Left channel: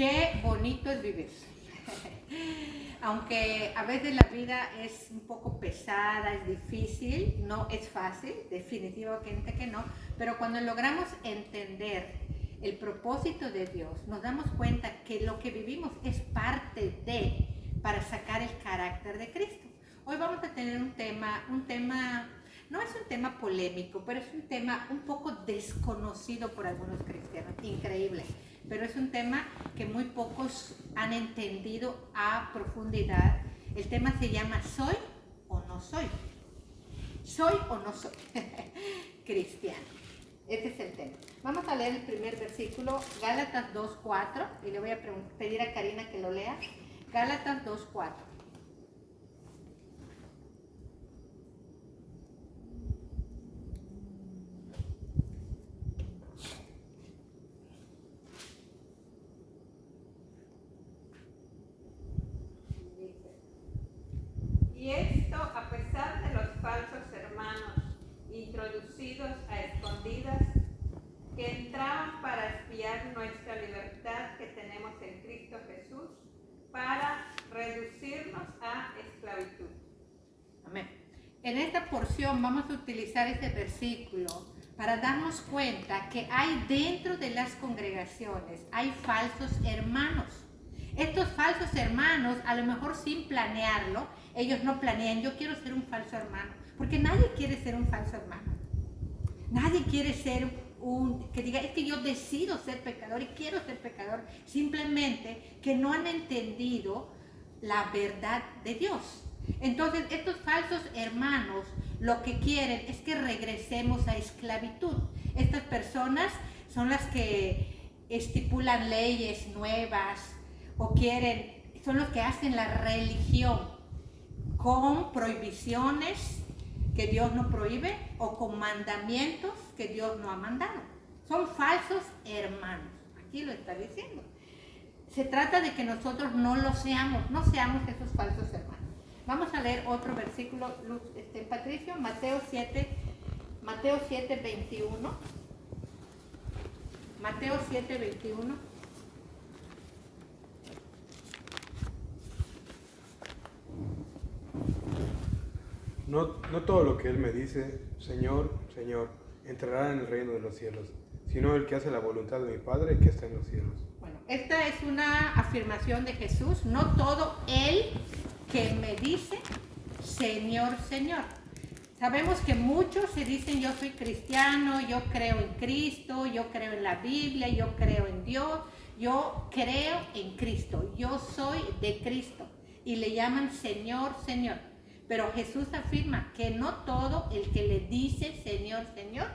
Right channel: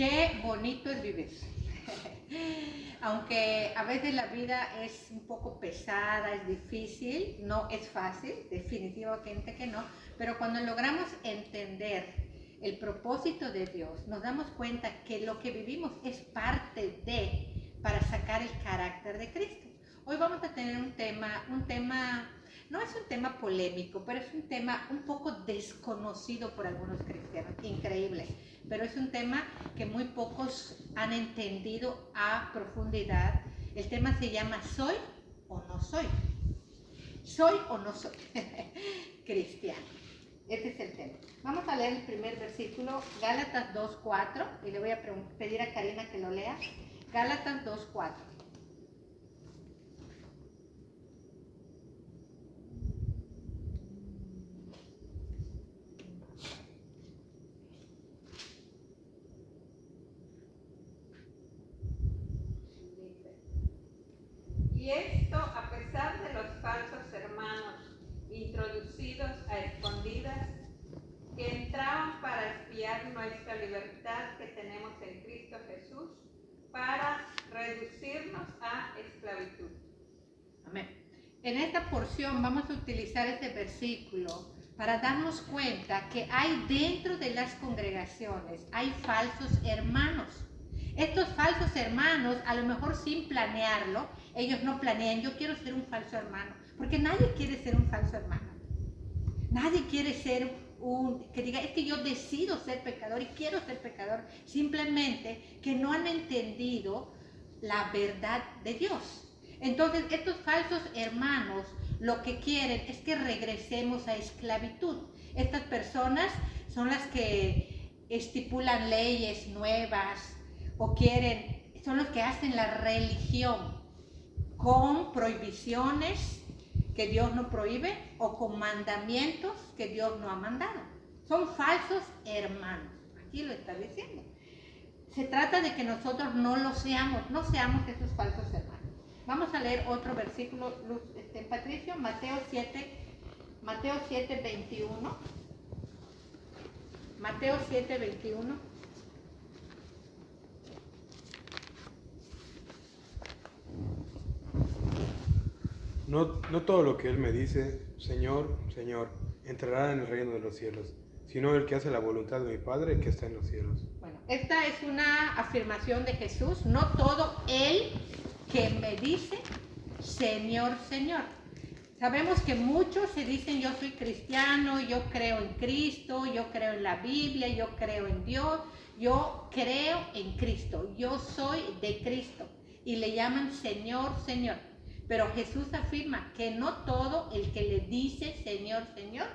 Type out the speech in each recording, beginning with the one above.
Qué bonito es vivir. Aunque a veces la vida es un poco pesada, es difícil, no es fácil, definitivamente que no, pero cuando logramos entender el propósito de Dios, nos damos cuenta que lo que vivimos es parte de, para sacar el carácter de Cristo. Hoy vamos a tener un tema, no es un tema polémico, pero es un tema un poco desconocido por algunos cristianos, increíble. Pero es un tema que muy pocos han entendido a profundidad. El tema se llama ¿soy o no soy? ¿Soy o no soy cristiano? Este es el tema. Vamos a leer el primer versículo, Gálatas 2:4, y le voy a pedir a Karina que lo lea. Gálatas 2:4. Y esto a pesar de los falsos hermanos, introducidos a escondidas, que entraban para espiar nuestra libertad que tenemos en Cristo Jesús, para reducirnos a esclavitud. Amén. En esta porción vamos a utilizar este versículo para darnos cuenta que hay dentro de las congregaciones, hay falsos hermanos. Estos falsos hermanos, a lo mejor sin planearlo, ellos no planean, yo quiero ser un falso hermano, porque nadie quiere ser un falso hermano. Nadie quiere ser que diga, es que yo decido ser pecador y quiero ser pecador. Simplemente que no han entendido la verdad de Dios. Entonces, estos falsos hermanos lo que quieren es que regresemos a esclavitud. Estas personas son las que estipulan leyes nuevas o son los que hacen la religión con prohibiciones que Dios no prohíbe o con mandamientos que Dios no ha mandado. Son falsos hermanos. Aquí lo está diciendo. Se trata de que nosotros no seamos esos falsos hermanos. Vamos a leer otro versículo, Patricio, Mateo 7:21. Mateo 7:21. No todo lo que Él me dice, Señor, Señor, entrará en el reino de los cielos, sino el que hace la voluntad de mi Padre que está en los cielos. Bueno, esta es una afirmación de Jesús. No todo el que me dice, Señor, Señor. Sabemos que muchos se dicen, yo soy cristiano, yo creo en Cristo, yo creo en la Biblia, yo creo en Dios, yo creo en Cristo, yo soy de Cristo. Y le llaman Señor, Señor. Pero Jesús afirma que no todo el que le dice Señor, Señor,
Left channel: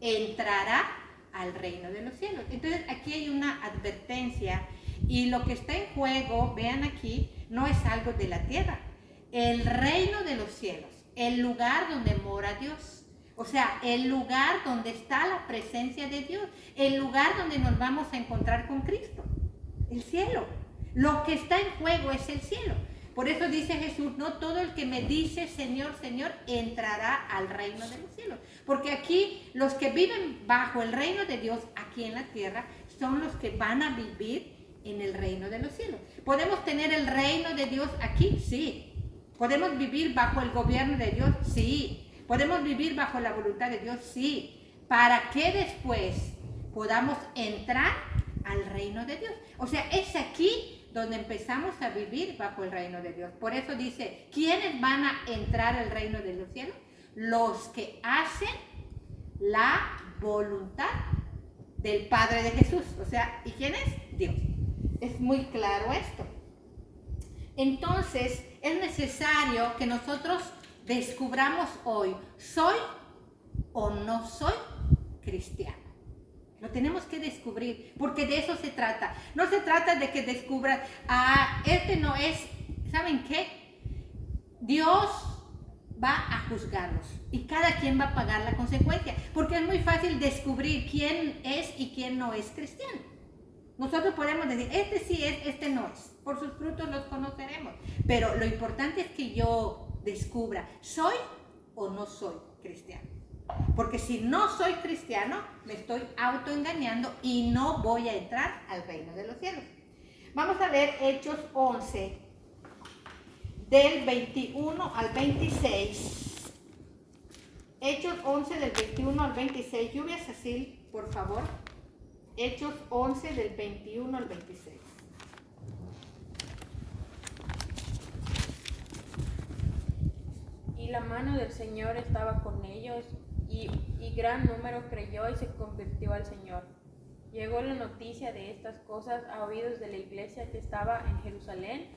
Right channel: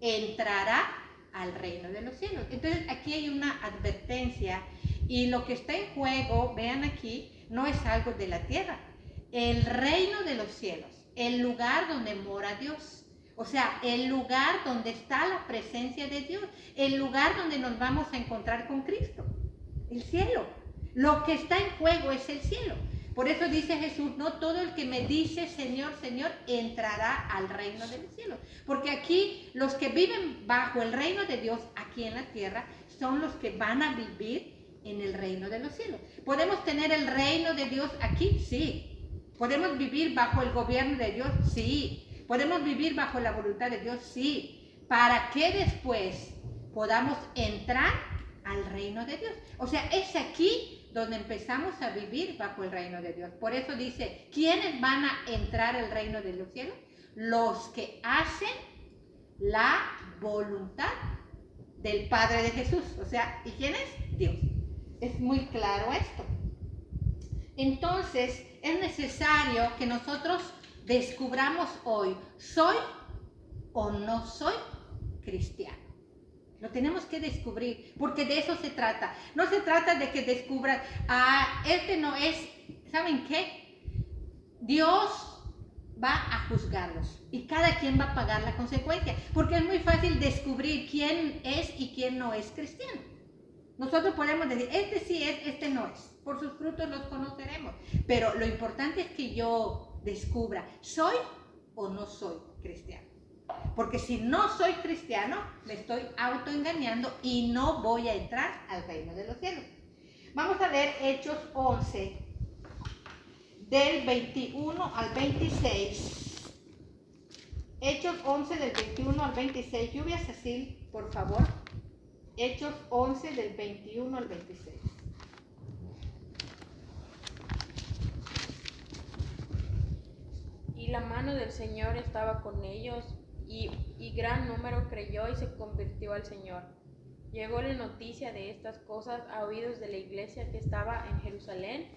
entrará al reino de los cielos. Entonces aquí hay una advertencia y lo que está en juego, vean aquí, no es algo de la tierra. El reino de los cielos, el lugar donde mora Dios. O sea, el lugar donde está la presencia de Dios, el lugar donde nos vamos a encontrar con Cristo, el cielo. Lo que está en juego es el cielo. Por eso dice Jesús, no todo el que me dice Señor, Señor, entrará al reino de los cielos. Porque aquí los que viven bajo el reino de Dios aquí en la tierra son los que van a vivir en el reino de los cielos. ¿Podemos tener el reino de Dios aquí? Sí. ¿Podemos vivir bajo el gobierno de Dios? Sí. ¿Podemos vivir bajo la voluntad de Dios? Sí. Para que después podamos entrar al reino de Dios. O sea, es aquí donde empezamos a vivir bajo el reino de Dios. Por eso dice, ¿quiénes van a entrar al reino de los cielos? Los que hacen la voluntad del Padre de Jesús. O sea, ¿y quién es? Dios. Es muy claro esto. Entonces, es necesario que nosotros descubramos hoy, ¿soy o no soy cristiano? Lo tenemos que descubrir, porque de eso se trata. No se trata de que descubran, este no es, ¿saben qué? Dios va a juzgarlos y cada quien va a pagar la consecuencia, porque es muy fácil descubrir quién es y quién no es cristiano. Nosotros podemos decir, este sí es, este no es. Por sus frutos los conoceremos. Pero lo importante es que yo descubra, ¿soy o no soy cristiano? Porque si no soy cristiano, me estoy autoengañando y no voy a entrar al reino de los cielos. Vamos a leer Hechos 11, del 21 al 26. Hechos 11 del 21 al 26. Lluvia Cecil, por favor. Hechos 11 del 21 al 26. Y la mano del Señor estaba con ellos, y gran número creyó y se convirtió al Señor. Llegó la noticia de estas cosas a oídos de la iglesia que estaba en Jerusalén,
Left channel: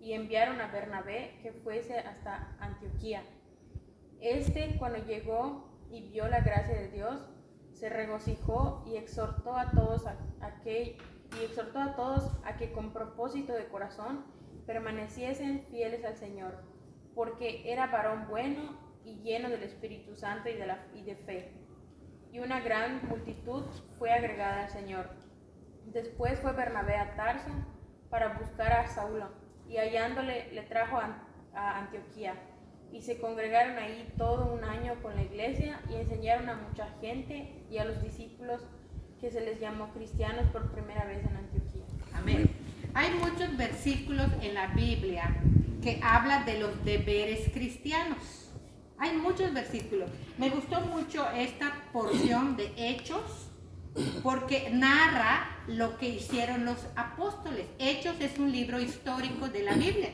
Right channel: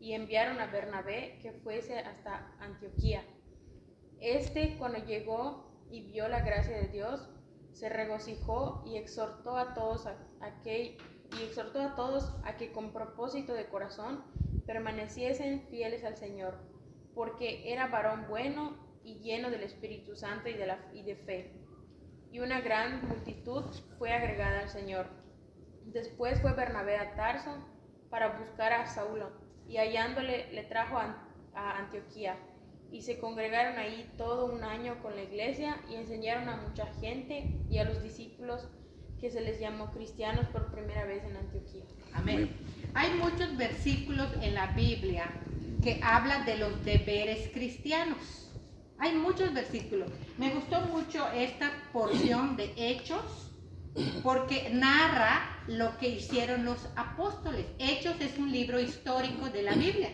y enviaron a Bernabé que fuese hasta Antioquía. Cuando llegó y vio la gracia de Dios, se regocijó y exhortó a todos a que con propósito de corazón permaneciesen fieles al Señor, porque era varón bueno y lleno del Espíritu Santo y de fe. Y una gran multitud fue agregada al Señor. Después fue Bernabé a Tarso para buscar a Saulo, y hallándole le trajo a Antioquía. Y se congregaron ahí todo un año con la iglesia, y enseñaron a mucha gente y a los discípulos, que se les llamó cristianos por primera vez en Antioquía. Amén. Hay muchos versículos en la Biblia que hablan de los deberes cristianos. Hay muchos versículos. Me gustó mucho esta porción de Hechos porque narra lo que hicieron los apóstoles. Hechos es un libro histórico de la Biblia.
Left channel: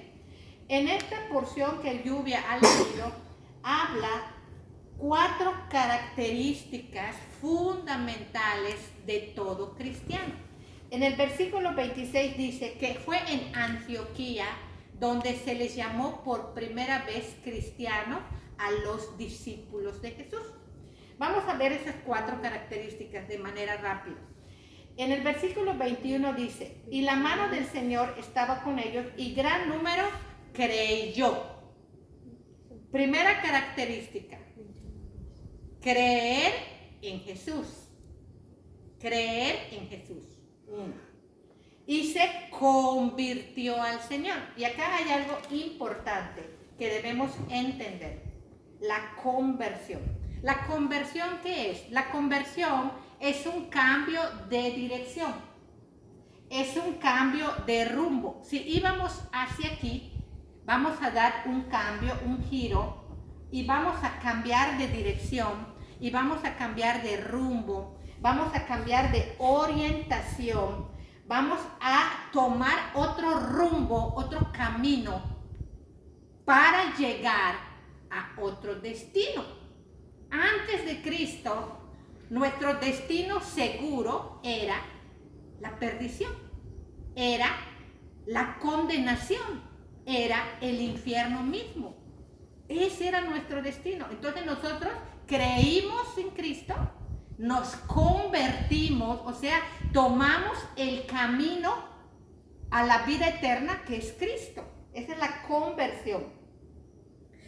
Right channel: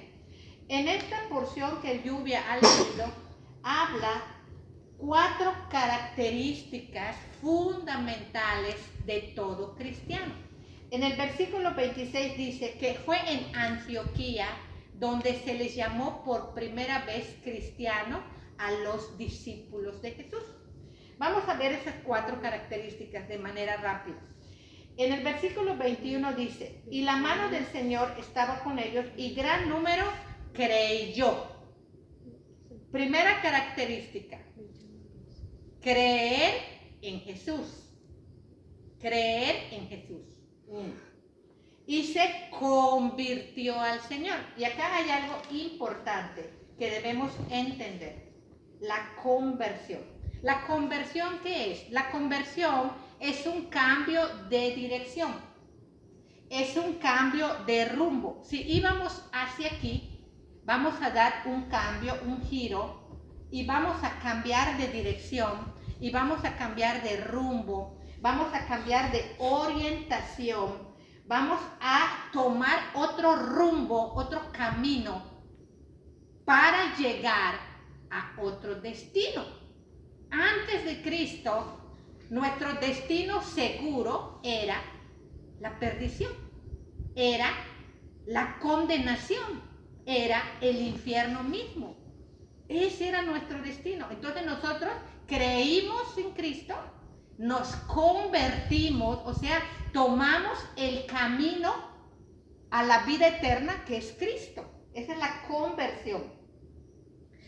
En esta porción que Lluvia ha leído, habla 4 características fundamentales de todo cristiano. En el versículo 26 dice que fue en Antioquía donde se les llamó por primera vez cristiano a los discípulos de Jesús. Vamos a ver esas 4 características de manera rápida. En el versículo 21 dice, y la mano del Señor estaba con ellos y gran número creyó. Primera característica, creer en Jesús. Creer en Jesús. Y se convirtió al Señor. Y acá hay algo importante que debemos entender. La conversión. ¿La conversión qué es? La conversión es un cambio de dirección. Es un cambio de rumbo. Si íbamos hacia aquí, vamos a dar un cambio, un giro, y vamos a cambiar de dirección, y vamos a cambiar de rumbo, vamos a cambiar de orientación, vamos a tomar otro rumbo, otro camino para llegar a otro destino. Antes de Cristo, nuestro destino seguro era la perdición, era la condenación, era el infierno mismo. Ese era nuestro destino. Entonces nosotros creímos en Cristo, nos convertimos, o sea, tomamos el camino a la vida eterna que es Cristo. Esa es la conversión.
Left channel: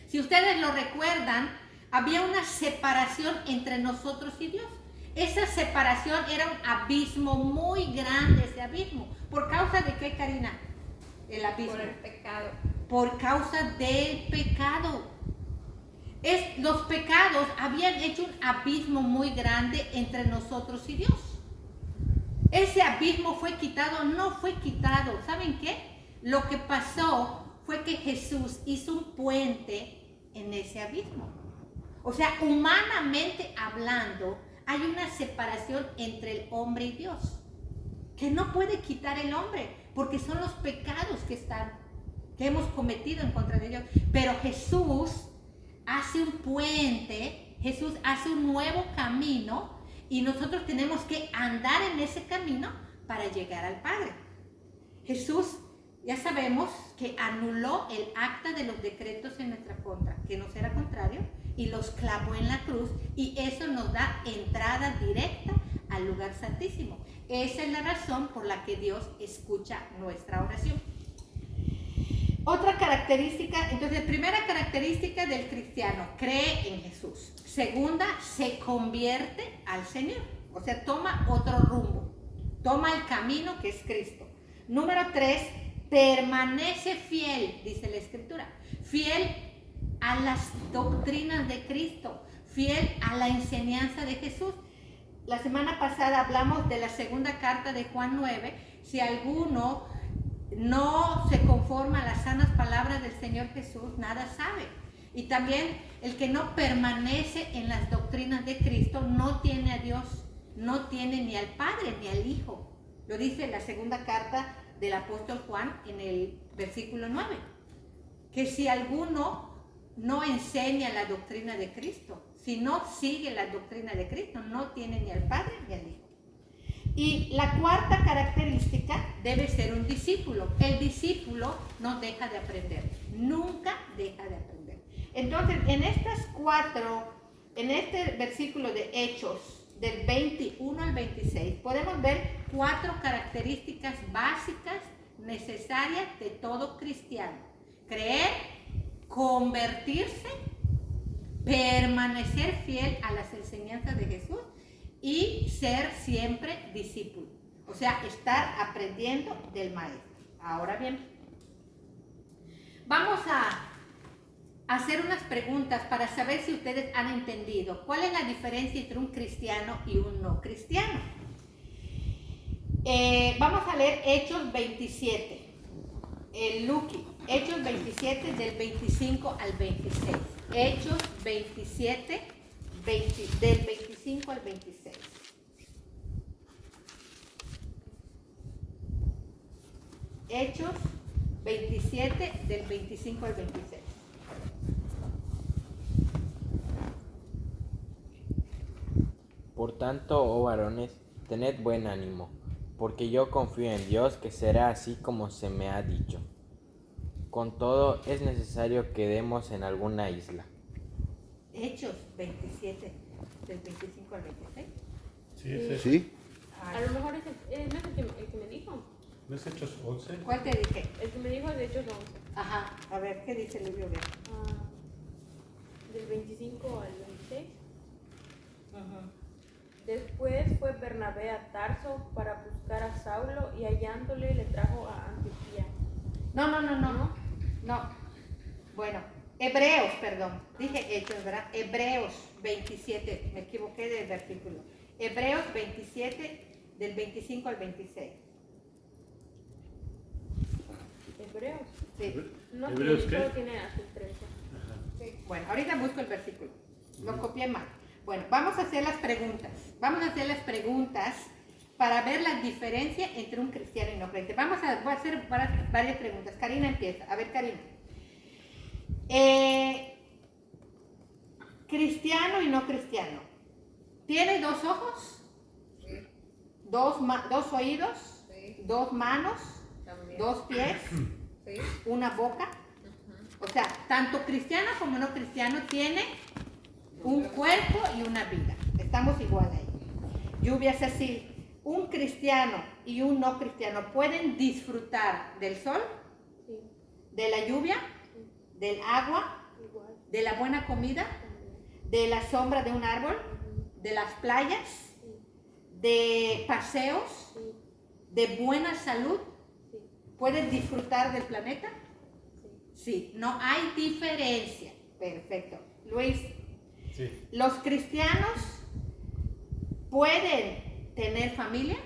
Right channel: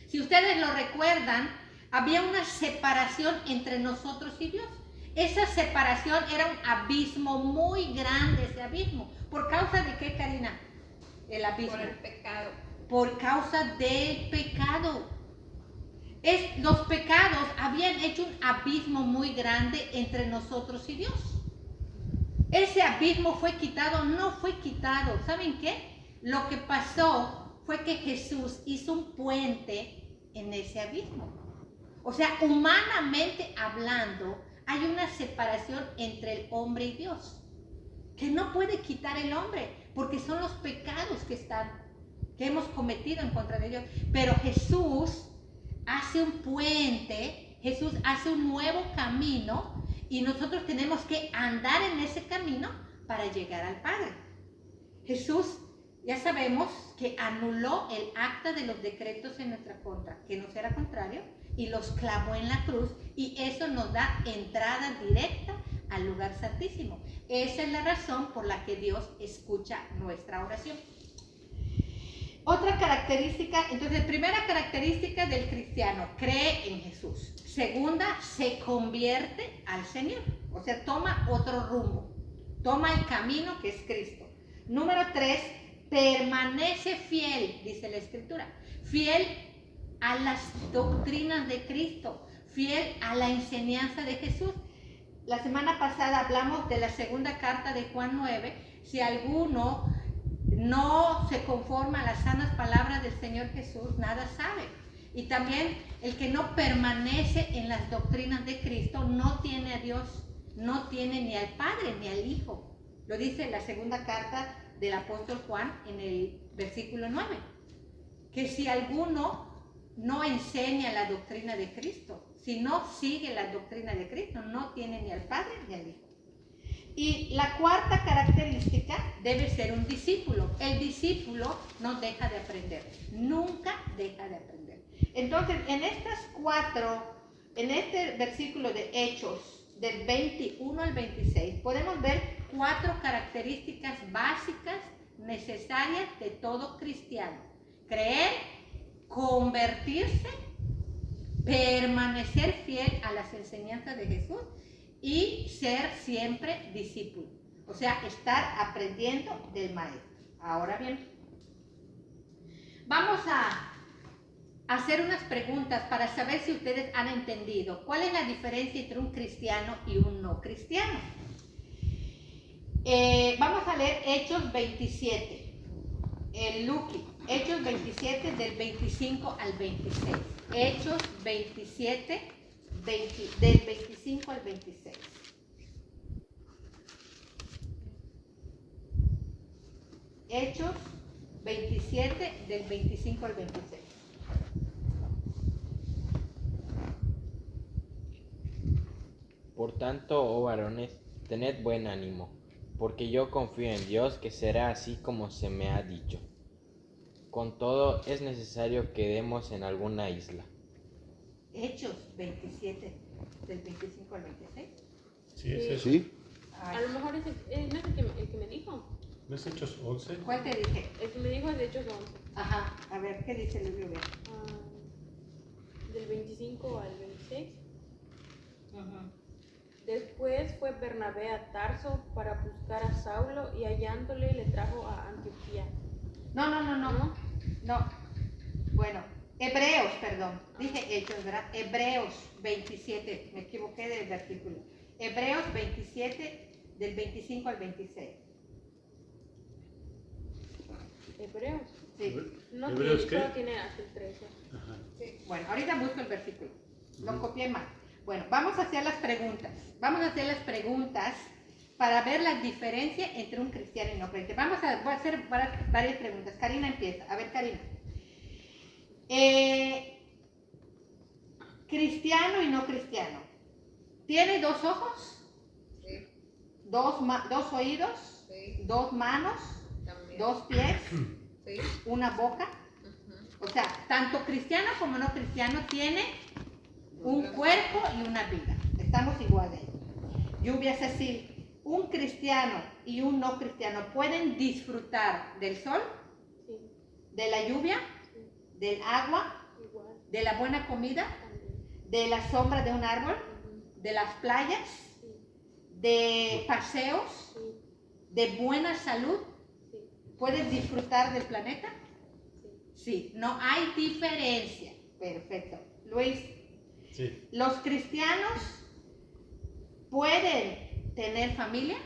Si ustedes lo recuerdan, había una separación entre nosotros y Dios. Esa separación era un abismo muy grande, ese abismo. ¿Por causa de qué, Karina? El abismo. Por el pecado. Por causa del pecado. Los pecados habían hecho un abismo muy grande entre nosotros y Dios. Ese abismo fue quitado, no fue quitado. ¿Saben qué? Lo que pasó fue que Jesús hizo un puente en ese abismo. O sea, humanamente hablando, hay una separación entre el hombre y Dios que no puede quitar el hombre, porque son los pecados que hemos cometido en contra de Dios. Pero Jesús hace un puente, Jesús hace un nuevo camino, y nosotros tenemos que andar en ese camino para llegar al Padre. Jesús, ya sabemos que anuló el acta de los decretos en nuestra contra, que nos era contrario, y los clavó en la cruz, y eso nos da entrada directa al lugar santísimo. Esa es la razón por la que Dios escucha nuestra oración. Otra característica, entonces, primera característica del cristiano, cree en Jesús. Segunda, se convierte al Señor, o sea, toma otro rumbo, toma el camino que es Cristo. Número 3, permanece fiel, dice la Escritura, fiel a las doctrinas de Cristo, fiel a la enseñanza de Jesús. La semana pasada hablamos de la segunda carta de Juan 9. Si alguno no se conforma a las sanas palabras del Señor Jesús, nada sabe. Y también el que no permanece en las doctrinas de Cristo no tiene a Dios, no tiene ni al Padre ni al Hijo. Lo dice la segunda carta del apóstol Juan en el versículo 9. Que si alguno no enseña la doctrina de Cristo, si no sigue la doctrina de Cristo, no tiene ni al Padre ni al Hijo. Y la cuarta característica debe ser un discípulo. El discípulo no deja de aprender, nunca deja de aprender. Entonces, en este versículo de Hechos, del 21 al 26, podemos ver 4 características básicas necesarias de todo cristiano. Creer, convertirse, permanecer fiel a las enseñanzas de Jesús y ser siempre discípulo. O sea, estar aprendiendo del maestro. Ahora bien, vamos a hacer unas preguntas para saber si ustedes han entendido cuál es la diferencia entre un cristiano y un no cristiano. Vamos a leer Hechos 27, Luqui, Hechos 27 del 25 al 26. Hechos 27, del 25 al 26. Hechos 27 del 25 al 26. Por tanto, oh varones, tened buen ánimo, porque yo confío en Dios que será así como se me ha dicho. Con todo, es necesario que demos en alguna isla. Hechos 27, del 25 al 26. Sí, es eso. ¿Sí? A lo mejor no es el que me dijo. ¿No es Hechos 11? ¿Cuál te dije? El que me dijo es de Hechos 11. Ajá, a ver, ¿qué dice el libro? Del 25 al 26. Ajá. Después fue Bernabé a Tarso para buscar a Saulo y hallándole le trajo a Antioquía. No. Bueno, Hebreos, perdón. Dije Hechos, ¿verdad? Hebreos 27, me equivoqué del versículo. Hebreos 27, del 25 al 26. ¿Hebreos? Sí. No ¿Hebreos tiene, qué? solo tiene hasta el 13. Sí. Bueno, ahorita busco el versículo. Lo copié mal. Bueno, vamos a hacer las preguntas. Vamos a hacer las preguntas para ver la diferencia entre un cristiano y no creyente. Voy a hacer varias preguntas. Karina empieza. A ver, Karina. Cristiano y no cristiano. ¿Tiene 2 ojos? Sí. 2 oídos? Sí. 2 manos? También. 2 pies? Sí. 1 boca? Ujú. O sea, tanto cristiano como no cristiano tiene un cuerpo y una vida. Estamos igual ahí. Lluvia Cecil, ¿un cristiano y un no cristiano pueden disfrutar del sol, Sí, de la lluvia, del agua, igual. de la buena comida, También. de la sombra de un árbol, de las playas, Sí, de paseos, sí, de buena salud? sí, ¿Pueden disfrutar del planeta? sí. Sí, no hay diferencia. Perfecto. Luis, Sí. ¿los cristianos pueden tener familia?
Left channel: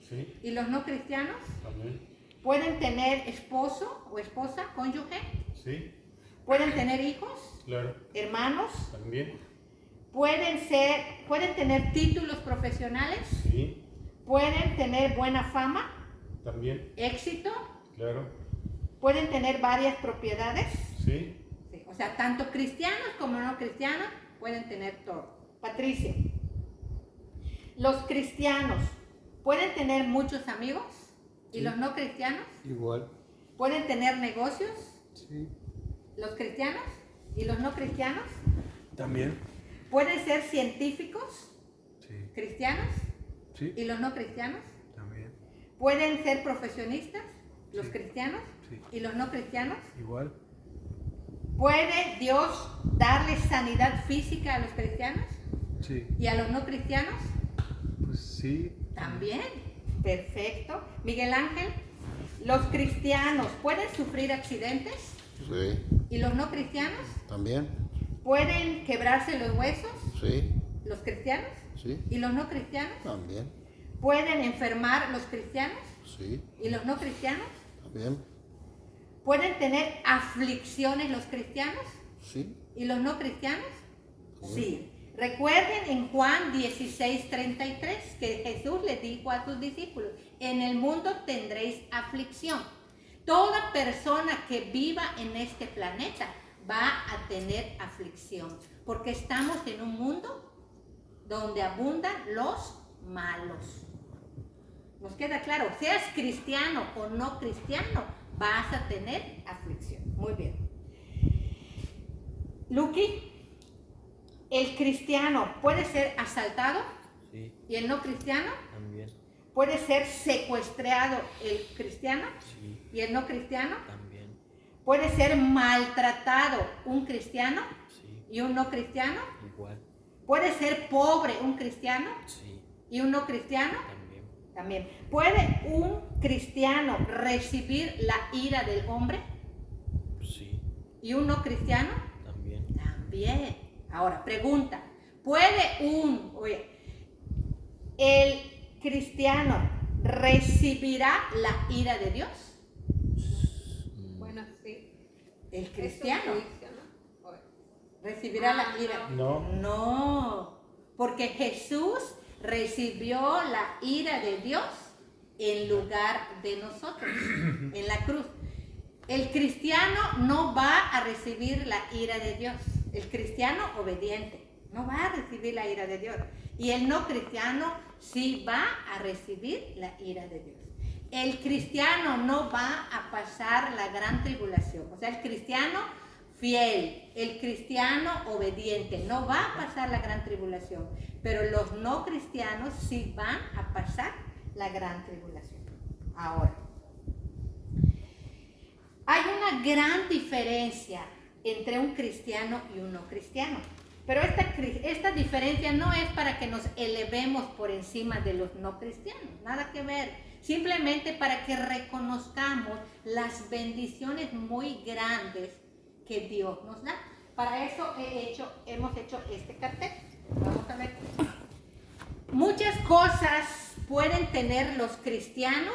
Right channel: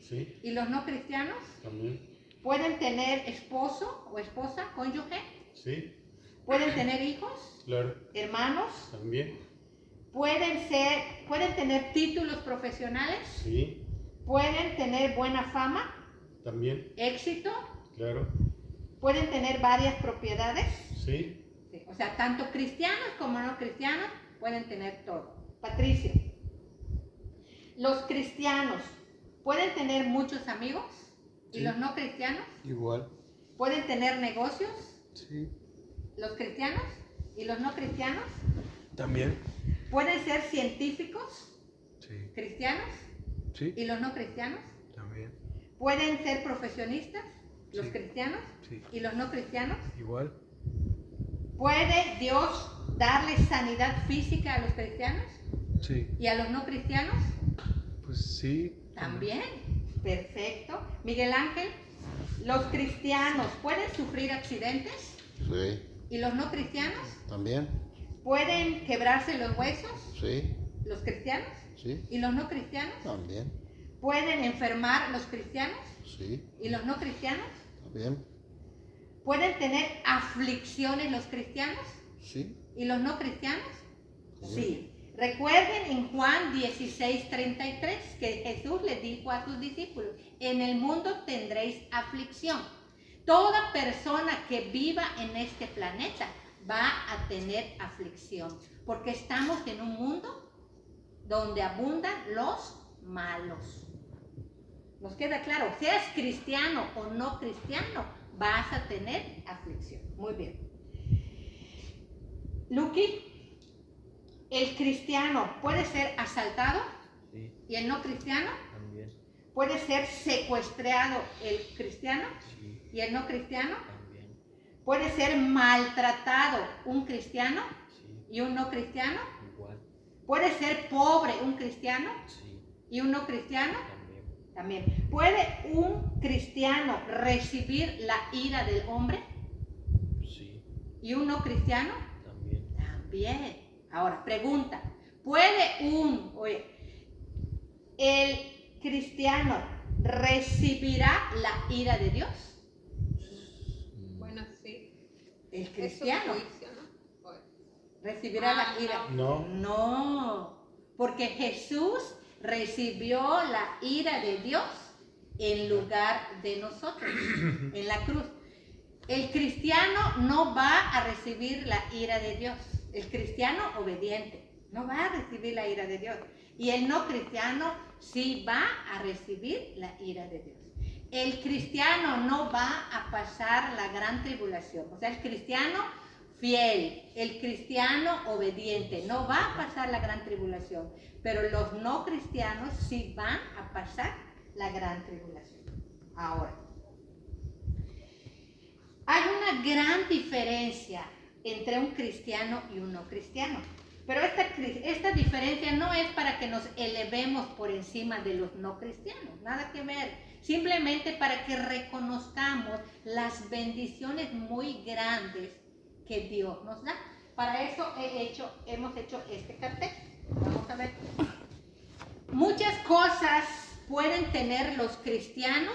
Sí, ¿Y los no cristianos? también. ¿Pueden tener esposo o esposa, cónyuge? Sí, ¿Pueden tener hijos, claro. hermanos? También. ¿Pueden tener títulos profesionales? Sí, ¿Pueden tener buena fama, también. éxito? Claro. ¿Pueden tener varias propiedades? Sí, Sí, o sea, tanto cristianos como no cristianos pueden tener todo. Patricia, ¿los cristianos pueden tener muchos amigos? ¿Y Sí. los no cristianos? Igual. ¿Pueden tener negocios? Sí. ¿Los cristianos y los no cristianos? También. ¿Pueden ser científicos Sí. cristianos Sí. y los no cristianos? También. ¿Pueden ser profesionistas los Sí. cristianos Sí. y los no cristianos? Igual. ¿Puede Dios darle sanidad física a los cristianos Sí. y a los no cristianos? Pues sí. También. Perfecto. Miguel Ángel, ¿los cristianos pueden sufrir accidentes Sí. y los no cristianos? También. ¿Pueden quebrarse los huesos Sí. los cristianos Sí. y los no cristianos? También. ¿Pueden enfermar los cristianos Sí. y los no cristianos? Bien. ¿Pueden tener aflicciones los cristianos Sí. y los no cristianos? Sí. Sí. Recuerden en Juan 16:33 que Jesús les dijo a sus discípulos, en el mundo tendréis aflicción. Toda persona que viva en este planeta va a tener aflicción, porque estamos en un mundo donde abundan los malos. ¿Nos queda claro? Seas cristiano o no cristiano, vas a tener aflicción. Muy bien. Lucky, ¿el cristiano puede ser asaltado? Sí, ¿Y el no cristiano? también. ¿Puede ser secuestrado el cristiano Sí, y el no cristiano? también. ¿Puede ser maltratado un cristiano Sí, y un no cristiano? igual. ¿Puede ser pobre un cristiano Sí, y un no cristiano? también. También. ¿Puede un cristiano recibir la ira del hombre Sí, y un no cristiano? también. También. Ahora, pregunta. ¿Puede el cristiano recibirá la ira de Dios? Bueno, sí. El Es un cristiano juicio, ¿no? Bueno. recibirá la ira. No. No, porque Jesús recibió la ira de Dios en lugar de nosotros, en la cruz. El cristiano no va a recibir la ira de Dios. El cristiano obediente no va a recibir la ira de Dios. Y el no cristiano sí va a recibir la ira de Dios. El cristiano no va a pasar la gran tribulación. O sea, el cristiano fiel, el cristiano obediente, no va a pasar la gran tribulación. Pero los no cristianos sí van a pasar la gran tribulación. Ahora, hay una gran diferencia entre un cristiano y un no cristiano. Pero esta diferencia no es para que nos elevemos por encima de los no cristianos, nada que ver. Simplemente para que reconozcamos las bendiciones muy grandes que Dios nos da. Para eso hemos hecho este cartel. Vamos a ver. Muchas cosas pueden tener los cristianos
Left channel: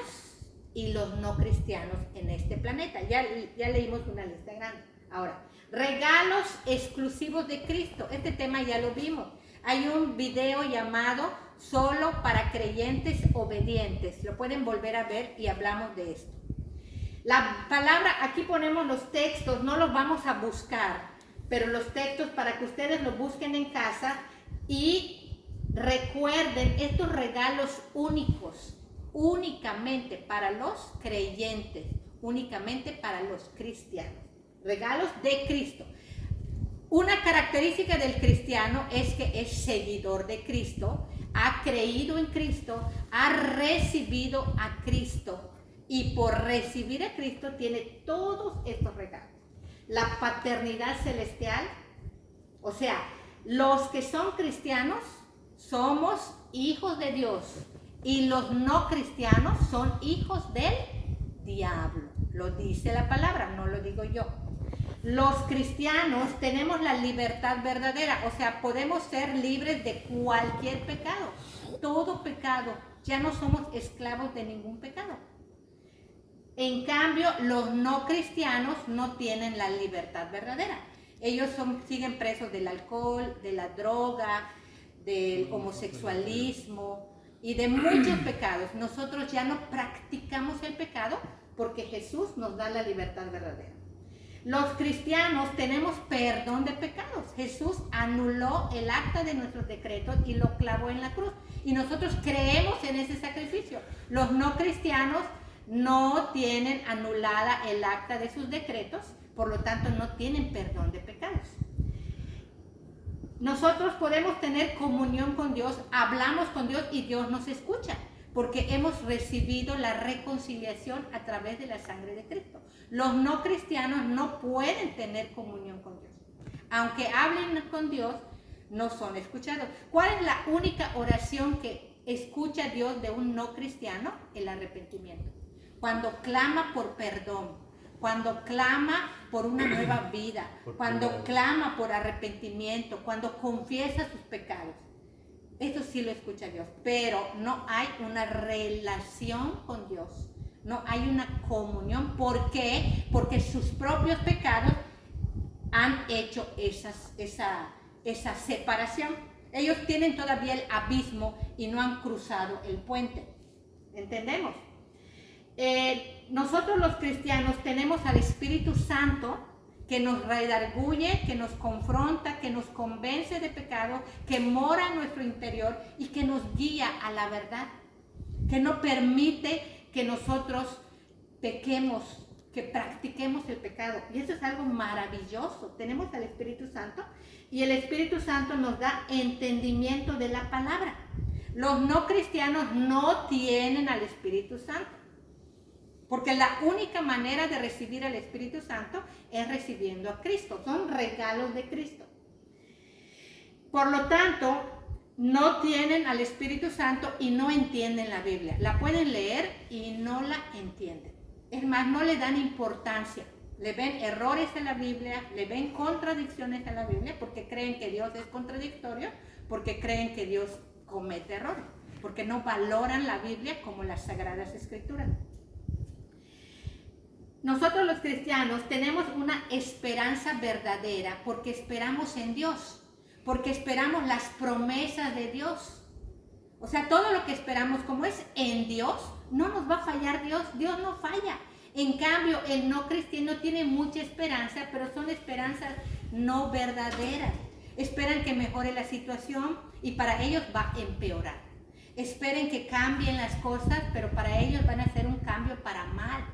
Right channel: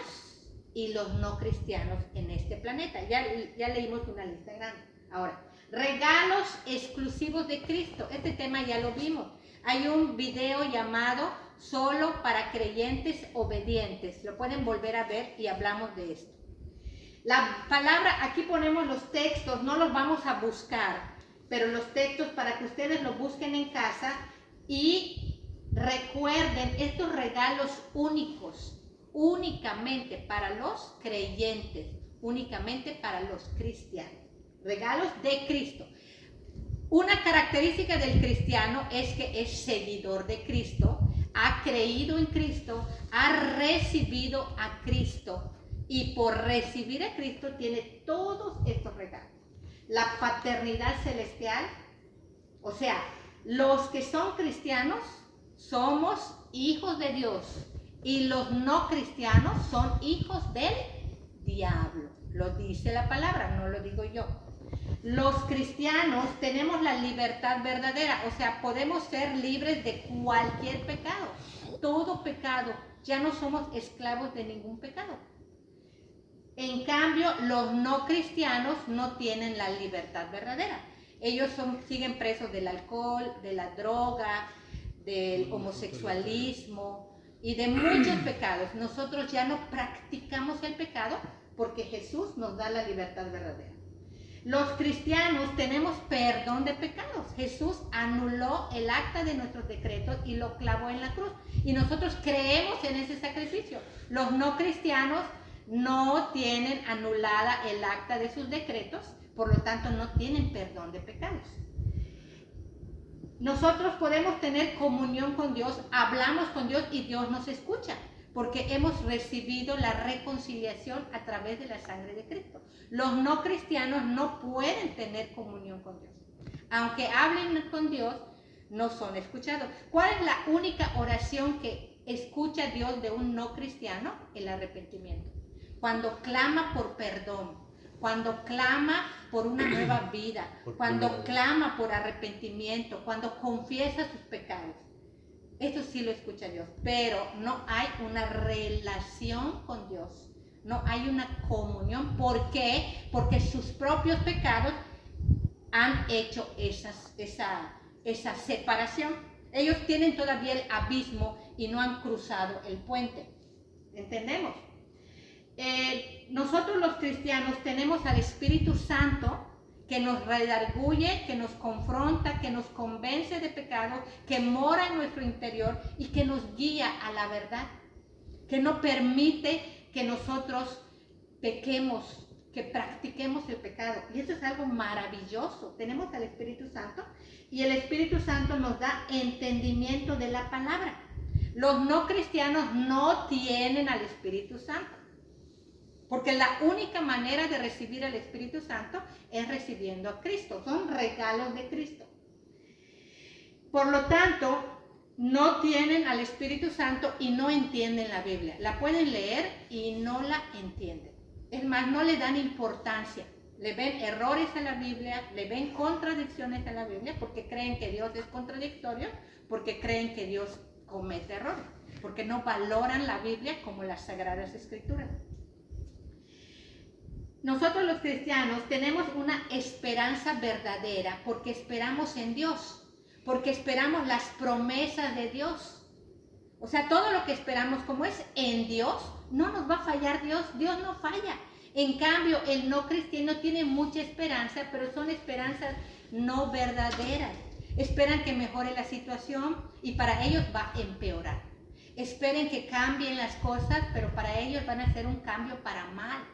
y los no cristianos en este planeta. Ya leímos una lista grande. Ahora, regalos exclusivos de Cristo. Este tema ya lo vimos. Hay un video llamado Solo para creyentes obedientes. Lo pueden volver a ver y hablamos de esto. La palabra, aquí ponemos los textos, no los vamos a buscar, pero los textos para que ustedes los busquen en casa y recuerden estos regalos únicos, únicamente para los creyentes, únicamente para los cristianos. Regalos de Cristo. Una característica del cristiano es que es seguidor de Cristo, ha creído en Cristo, ha recibido a Cristo y por recibir a Cristo tiene todos estos regalos. La paternidad celestial, o sea, los que son cristianos somos hijos de Dios y los no cristianos son hijos del diablo. Lo dice la palabra, no lo digo yo. Los cristianos tenemos la libertad verdadera, o sea, podemos ser libres de cualquier pecado, todo pecado, ya no somos esclavos de ningún pecado. En cambio, los no cristianos no tienen la libertad verdadera. Ellos siguen presos del alcohol, de la droga, del homosexualismo y de muchos pecados. Nosotros ya no practicamos el pecado porque Jesús nos da la libertad verdadera. Los cristianos tenemos perdón de pecados. Jesús anuló el acta de nuestros decretos y lo clavó en la cruz. Y nosotros creemos en ese sacrificio. Los no cristianos no tienen anulada el acta de sus decretos, por lo tanto no tienen perdón de pecados. Nosotros podemos tener comunión con Dios, hablamos con Dios y Dios nos escucha, porque hemos recibido la reconciliación a través de la sangre de Cristo. Los no cristianos no pueden tener comunión con Dios. Aunque hablen con Dios, no son escuchados. ¿Cuál es la única oración que escucha Dios de un no cristiano? El arrepentimiento. Cuando clama por perdón, cuando clama por una nueva vida, cuando clama por arrepentimiento, cuando confiesa sus pecados. Eso sí lo escucha Dios, pero no hay una relación con Dios. No hay una comunión. ¿Por qué? Porque sus propios pecados han hecho esa separación. Ellos tienen todavía el abismo y no han cruzado el puente. ¿Entendemos? Nosotros los cristianos tenemos al Espíritu Santo que nos redarguye, que nos confronta, que nos convence de pecado, que mora en nuestro interior y que nos guía a la verdad, que no permite que nosotros pequemos, que practiquemos el pecado. Y eso es algo maravilloso. Tenemos al Espíritu Santo y el Espíritu Santo nos da entendimiento de la palabra. Los no cristianos no tienen al Espíritu Santo, porque la única manera de recibir al Espíritu Santo es recibiendo a Cristo. Son regalos de Cristo. Por lo tanto, no tienen al Espíritu Santo y no entienden la Biblia. La pueden leer y no la entienden. Es más, no le dan importancia. Le ven errores a la Biblia, le ven contradicciones a la Biblia porque creen que Dios es contradictorio, porque creen que Dios comete errores, porque no valoran la Biblia como las Sagradas Escrituras. Nosotros los cristianos tenemos una esperanza verdadera porque esperamos en Dios, porque esperamos las promesas de Dios. O sea, todo lo que esperamos, como es en Dios, no nos va a fallar Dios. Dios no falla. En cambio, el no cristiano tiene mucha esperanza, pero son esperanzas no verdaderas. Esperan que mejore la situación y para ellos va a empeorar. Esperen que cambien las cosas, pero para ellos van a hacer un cambio para mal,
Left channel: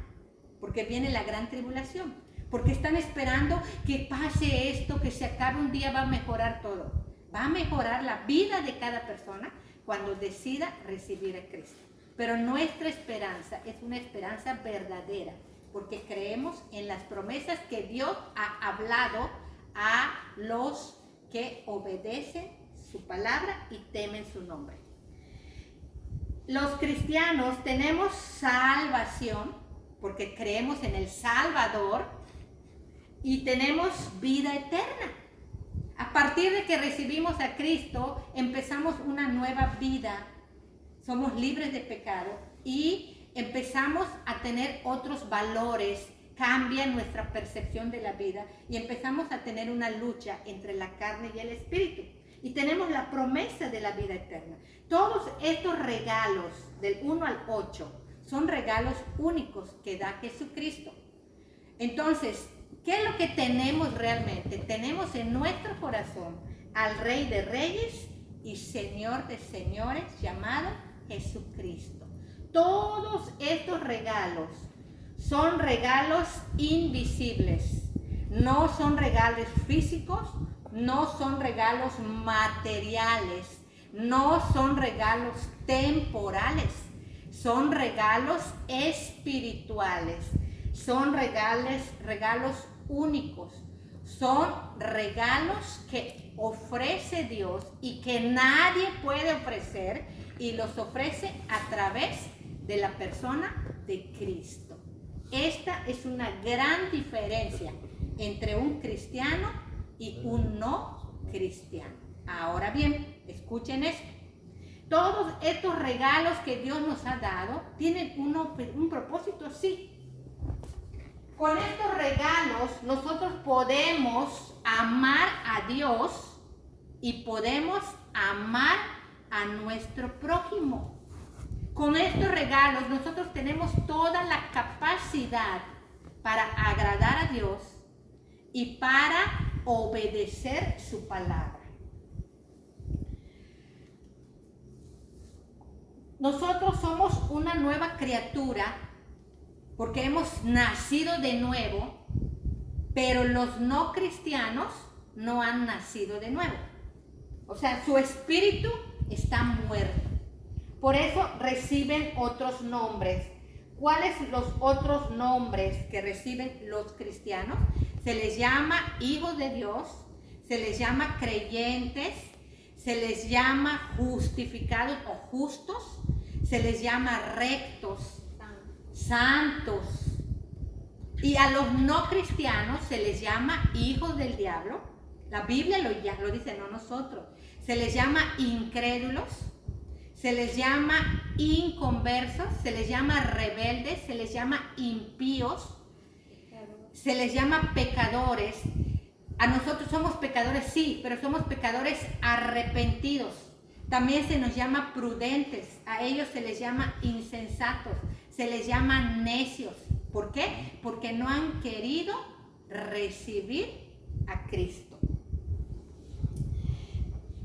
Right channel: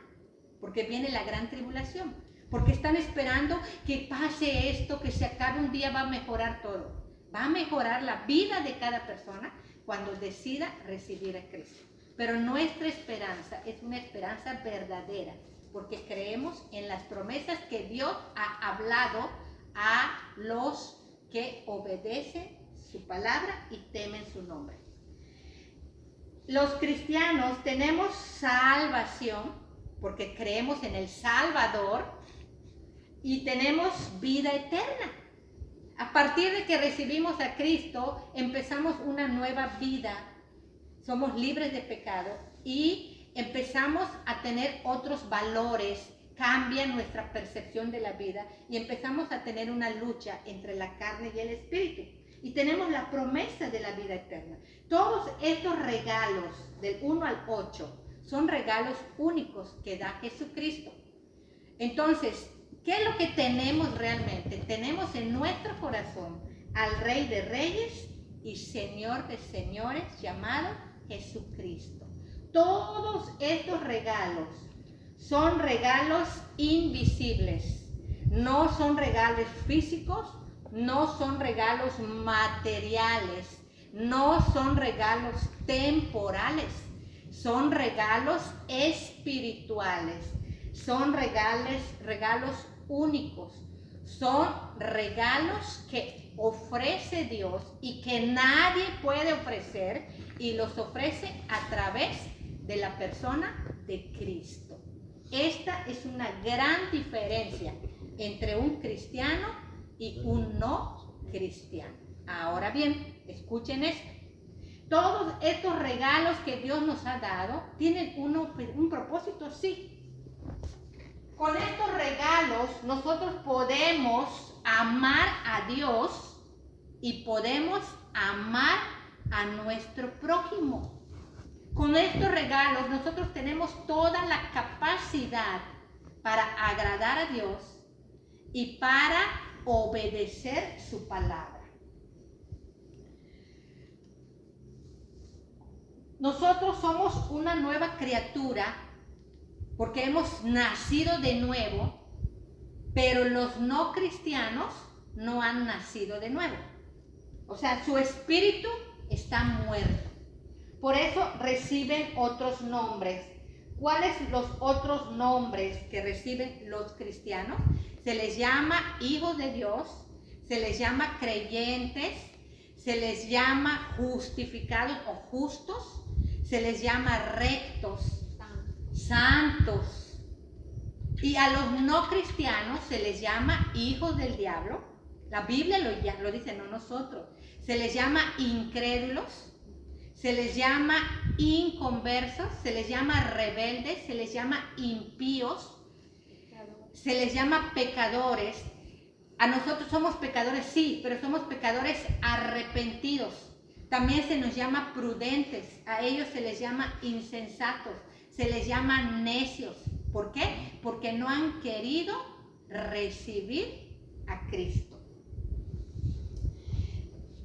porque viene la gran tribulación, porque están esperando que pase esto, que se acabe un día, va a mejorar todo. Va a mejorar la vida de cada persona cuando decida recibir a Cristo. Pero nuestra esperanza es una esperanza verdadera, porque creemos en las promesas que Dios ha hablado a los que obedecen su palabra y temen su nombre. Los cristianos tenemos salvación porque creemos en el Salvador y tenemos vida eterna. A partir de que recibimos a Cristo, empezamos una nueva vida. Somos libres de pecado y empezamos a tener otros valores. Cambia nuestra percepción de la vida y empezamos a tener una lucha entre la carne y el espíritu. Y tenemos la promesa de la vida eterna. Todos estos regalos del 1 al 8 son regalos únicos que da Jesucristo. Entonces, ¿qué es lo que tenemos realmente? Tenemos en nuestro corazón al Rey de Reyes y Señor de Señores llamado Jesucristo. Todos estos regalos son regalos invisibles, no son regalos físicos, no son regalos materiales, no son regalos temporales, son regalos espirituales, son regalos únicos, son regalos que ofrece Dios y que nadie puede ofrecer y los ofrece a través de la persona de Cristo. Esta es una gran diferencia entre un cristiano y un no cristiano. Ahora bien, escuchen esto. Todos estos regalos que Dios nos ha dado tienen un propósito, sí. Con estos regalos nosotros podemos amar a Dios y podemos amar a nuestro prójimo. Con estos regalos nosotros tenemos toda la capacidad para agradar a Dios y para obedecer su palabra. Nosotros somos una nueva criatura porque hemos nacido de nuevo, pero los no cristianos no han nacido de nuevo. O sea, su espíritu está muerto. Por eso reciben otros nombres. ¿Cuáles los otros nombres que reciben los cristianos? Se les llama hijos de Dios, se les llama creyentes, se les llama justificados o justos, se les llama rectos, santos. Y a los no cristianos se les llama hijos del diablo. La Biblia lo dice, no nosotros. Se les llama incrédulos, se les llama inconversos, se les llama rebeldes, se les llama impíos, se les llama pecadores. A nosotros somos pecadores, sí, pero somos pecadores arrepentidos. También se nos llama prudentes, a ellos se les llama insensatos, se les llama necios. ¿Por qué? Porque no han querido recibir a Cristo.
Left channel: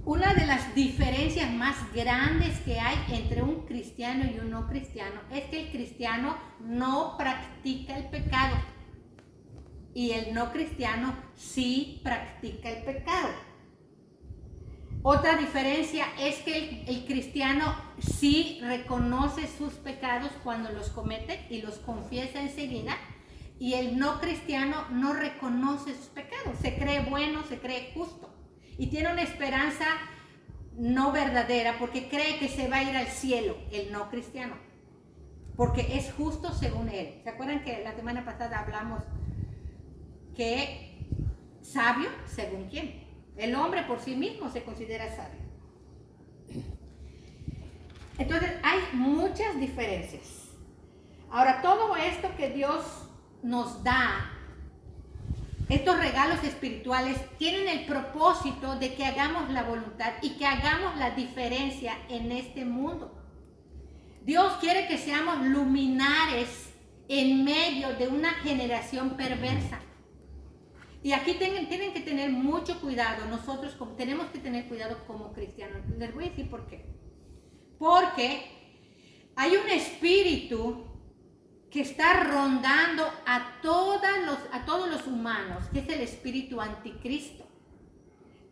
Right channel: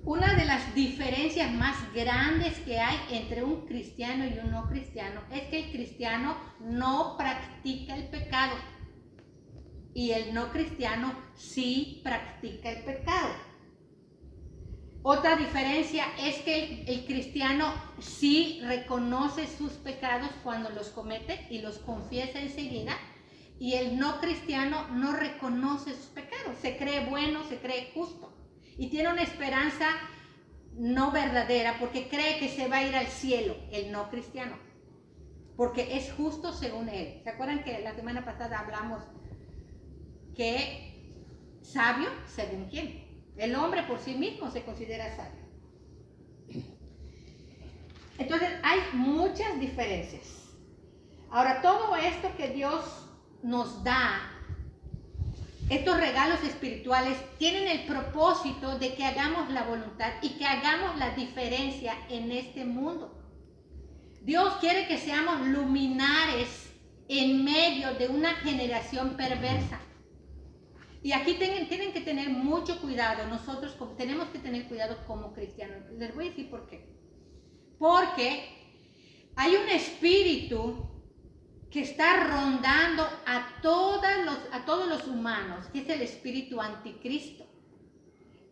Una de las diferencias más grandes que hay entre un cristiano y un no cristiano es que el cristiano no practica el pecado y el no cristiano sí practica el pecado. Otra diferencia es que el cristiano sí reconoce sus pecados cuando los comete y los confiesa enseguida, y el no cristiano no reconoce sus pecados, se cree bueno, se cree justo y tiene una esperanza no verdadera porque cree que se va a ir al cielo, el no cristiano, porque es justo según él. ¿Se acuerdan que la semana pasada hablamos que sabio según quién? El hombre por sí mismo se considera sabio. Entonces hay muchas diferencias. Ahora, todo esto que Dios nos da, estos regalos espirituales, tienen el propósito de que hagamos la voluntad y que hagamos la diferencia en este mundo. Dios quiere que seamos luminares en medio de una generación perversa. Y aquí tienen que tener mucho cuidado. Nosotros tenemos que tener cuidado como cristianos. Les voy a decir por qué. Porque hay un espíritu que está rondando a todos los humanos, que es el espíritu anticristo.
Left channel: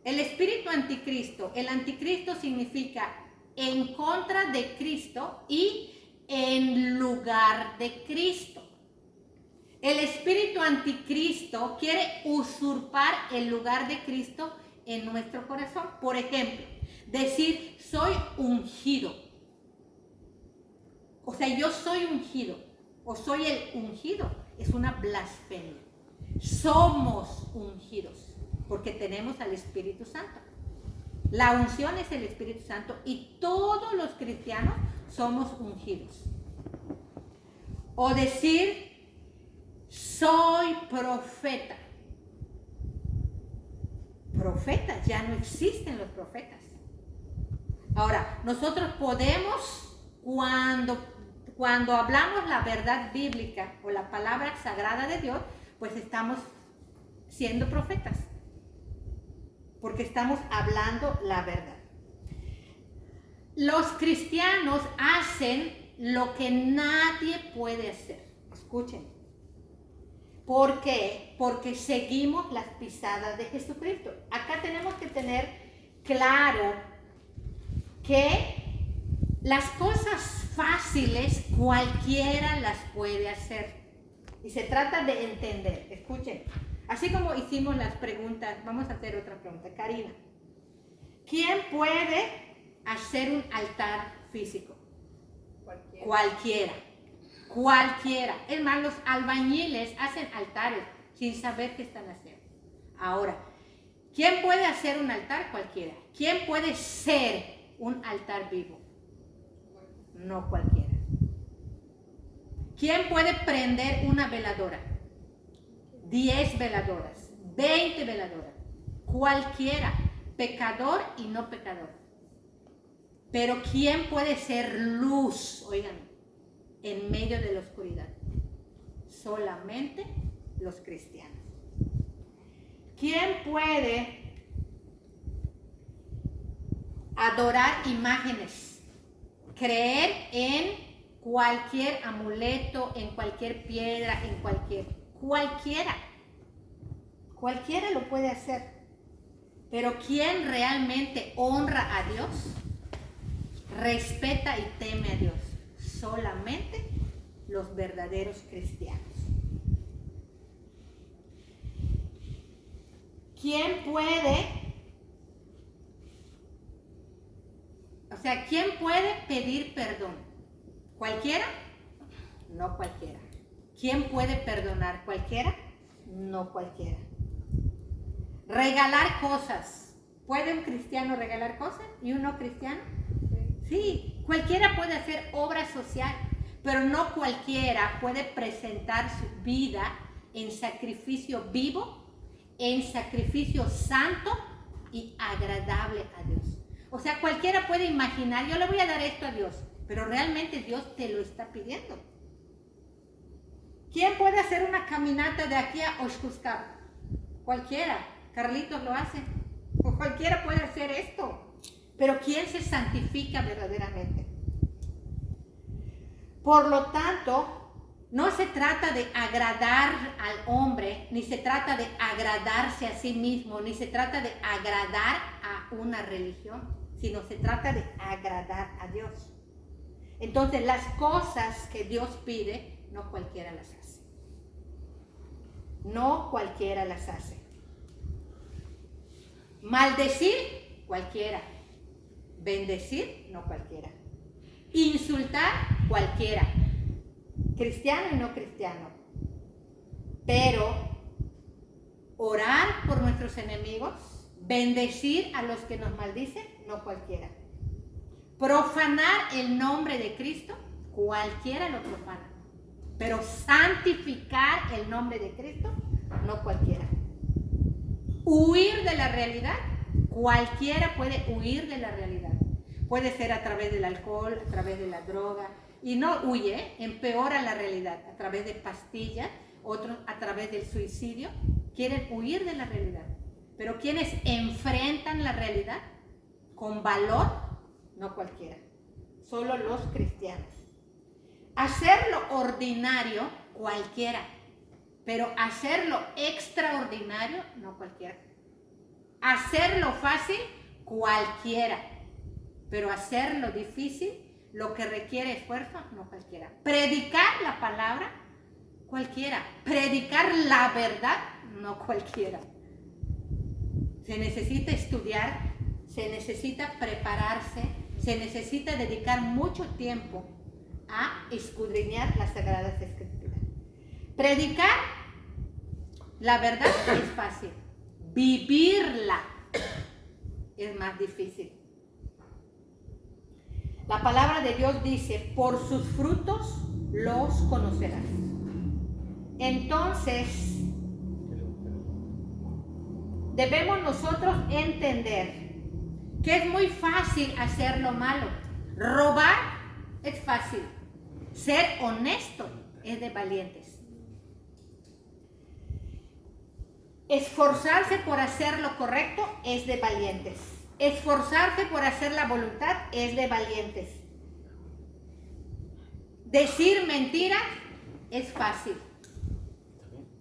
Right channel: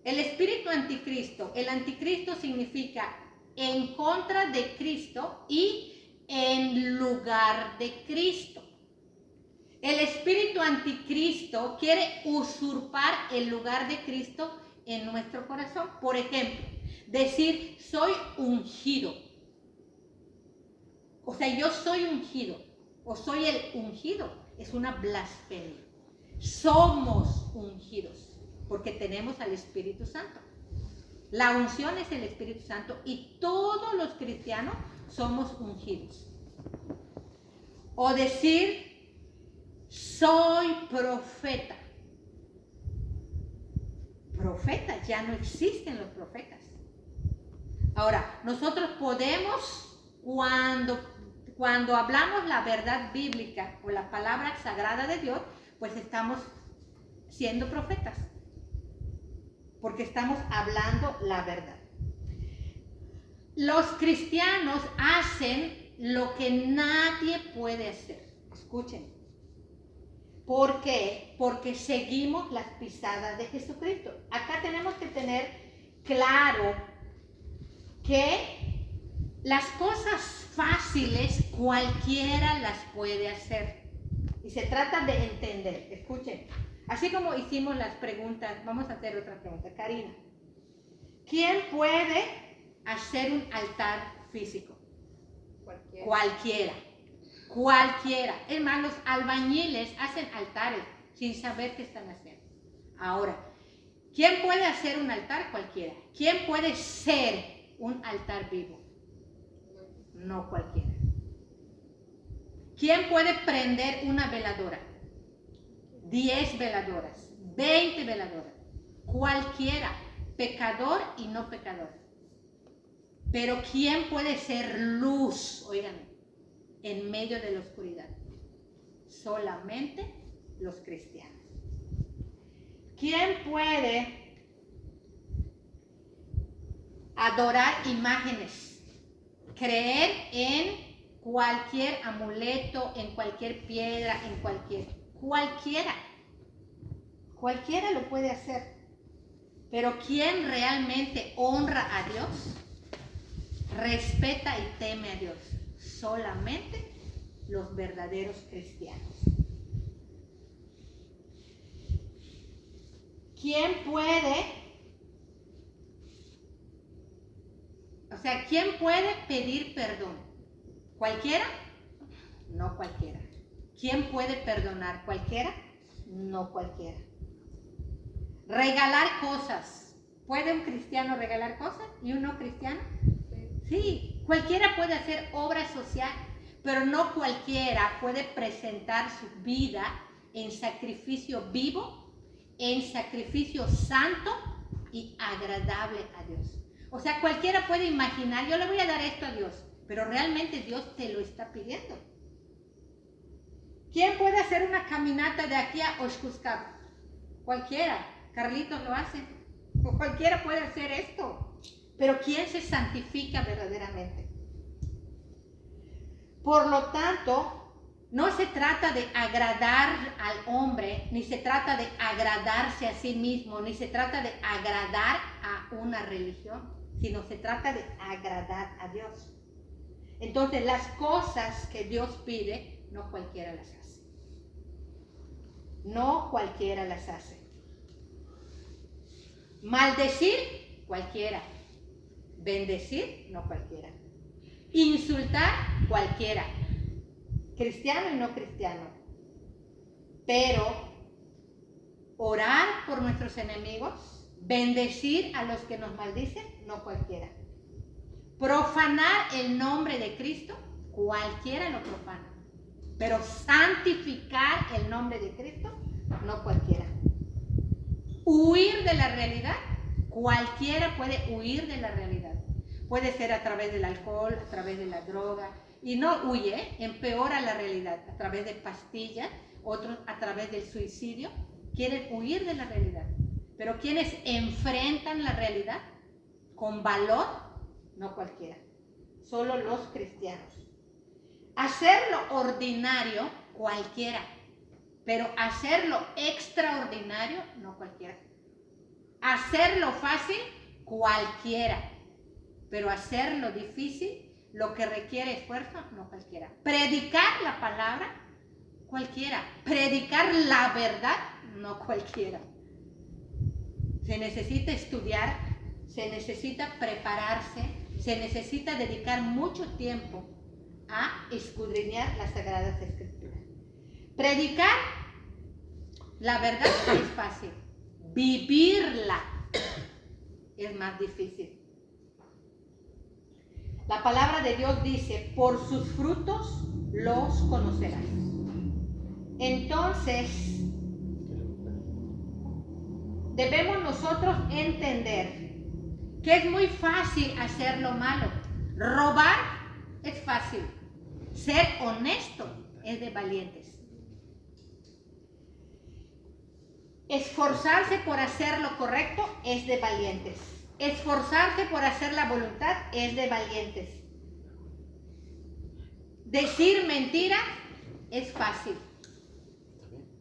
El espíritu anticristo, el anticristo significa en contra de Cristo y en lugar de Cristo. El espíritu anticristo quiere usurpar el lugar de Cristo en nuestro corazón. Por ejemplo, decir soy ungido. O sea, yo soy ungido o soy el ungido. Es una blasfemia. Somos ungidos porque tenemos al Espíritu Santo. La unción es el Espíritu Santo y todos los cristianos somos ungidos. O decir soy profeta. Profetas, ya no existen los profetas. Ahora, nosotros podemos, cuando hablamos la verdad bíblica o la palabra sagrada de Dios, pues estamos siendo profetas, porque estamos hablando la verdad. Los cristianos hacen lo que nadie puede hacer. Escuchen. ¿Por qué? Porque seguimos las pisadas de Jesucristo. Acá tenemos que tener claro que las cosas fáciles cualquiera las puede hacer. Y se trata de entender. Escuchen. Así como hicimos las preguntas, vamos a hacer otra pregunta. Karina, ¿quién puede hacer un altar físico? Cualquiera. Es más, los albañiles hacen altares sin saber qué están haciendo. Ahora, ¿quién puede hacer un altar? Cualquiera. ¿Quién puede ser un altar vivo? No cualquiera. ¿Quién puede prender una veladora? 10 veladoras, 20 veladoras. Cualquiera, pecador y no pecador. Pero ¿quién puede ser luz? Oigan, en medio de la oscuridad. Solamente los cristianos. ¿Quién puede adorar imágenes? Creer en cualquier amuleto, en cualquier piedra, en cualquiera lo puede hacer. Pero ¿quién realmente honra a Dios? Respeta y teme a Dios. Solamente los verdaderos cristianos. ¿Quién puede pedir perdón? ¿Cualquiera? No cualquiera. ¿Quién puede perdonar? ¿Cualquiera? No cualquiera. Regalar cosas. ¿Puede un cristiano regalar cosas y un no cristiano? Sí, cualquiera puede hacer obra social, pero no cualquiera puede presentar su vida en sacrificio vivo, en sacrificio santo y agradable a Dios. O sea, cualquiera puede imaginar, yo le voy a dar esto a Dios, pero realmente Dios te lo está pidiendo. ¿Quién puede hacer una caminata de aquí a Oshkuskab? Cualquiera. Carlitos lo hace. O cualquiera puede hacer esto. Pero ¿quién se santifica verdaderamente? Por lo tanto, no se trata de agradar al hombre, ni se trata de agradarse a sí mismo, ni se trata de agradar a una religión, sino se trata de agradar a Dios. Entonces, las cosas que Dios pide, no cualquiera las hace. No cualquiera las hace. Maldecir, cualquiera. Bendecir, no cualquiera. Insultar, cualquiera. Cristiano y no cristiano. Pero orar por nuestros enemigos, bendecir a los que nos maldicen, no cualquiera. Profanar el nombre de Cristo, cualquiera lo profana. Pero santificar el nombre de Cristo, no cualquiera. Huir de la realidad, cualquiera puede huir de la realidad. Puede ser a través del alcohol, a través de la droga, y no huye, empeora la realidad, a través de pastillas, otros a través del suicidio, quieren huir de la realidad. Pero quienes enfrentan la realidad con valor, no cualquiera, solo los cristianos. Hacerlo ordinario, cualquiera, pero hacerlo extraordinario, no cualquiera. Hacerlo fácil, cualquiera, pero hacerlo difícil, lo que requiere esfuerzo, no cualquiera. Predicar la palabra, cualquiera. Predicar la verdad, no cualquiera. Se necesita estudiar, se necesita prepararse, se necesita dedicar mucho tiempo a escudriñar las Sagradas Escrituras. Predicar la verdad es fácil, vivirla es más difícil. La palabra de Dios dice, por sus frutos los conocerás. Entonces, debemos nosotros entender que es muy fácil hacer lo malo. Robar es fácil. Ser honesto es de valientes. Esforzarse por hacer lo correcto es de valientes. Esforzarse por hacer la voluntad es de valientes. Decir mentiras es fácil.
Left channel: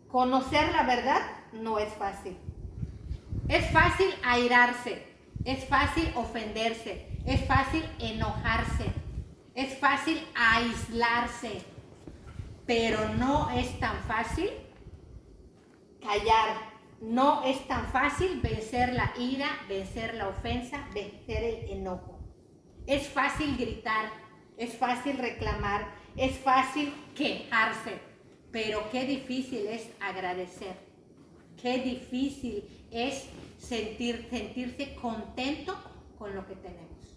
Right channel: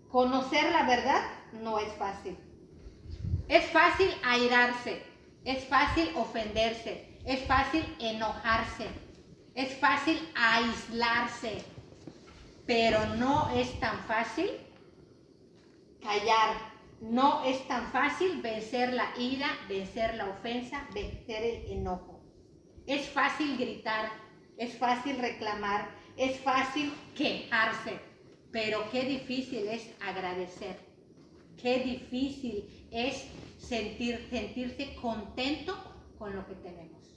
Conocer la verdad no es fácil. Es fácil airarse, es fácil ofenderse, es fácil enojarse, es fácil aislarse, pero no es tan fácil callar. No es tan fácil vencer la ira, vencer la ofensa, vencer el enojo. Es fácil gritar, es fácil reclamar, es fácil quejarse, pero qué difícil es agradecer. Qué difícil es sentirse contento con lo que tenemos.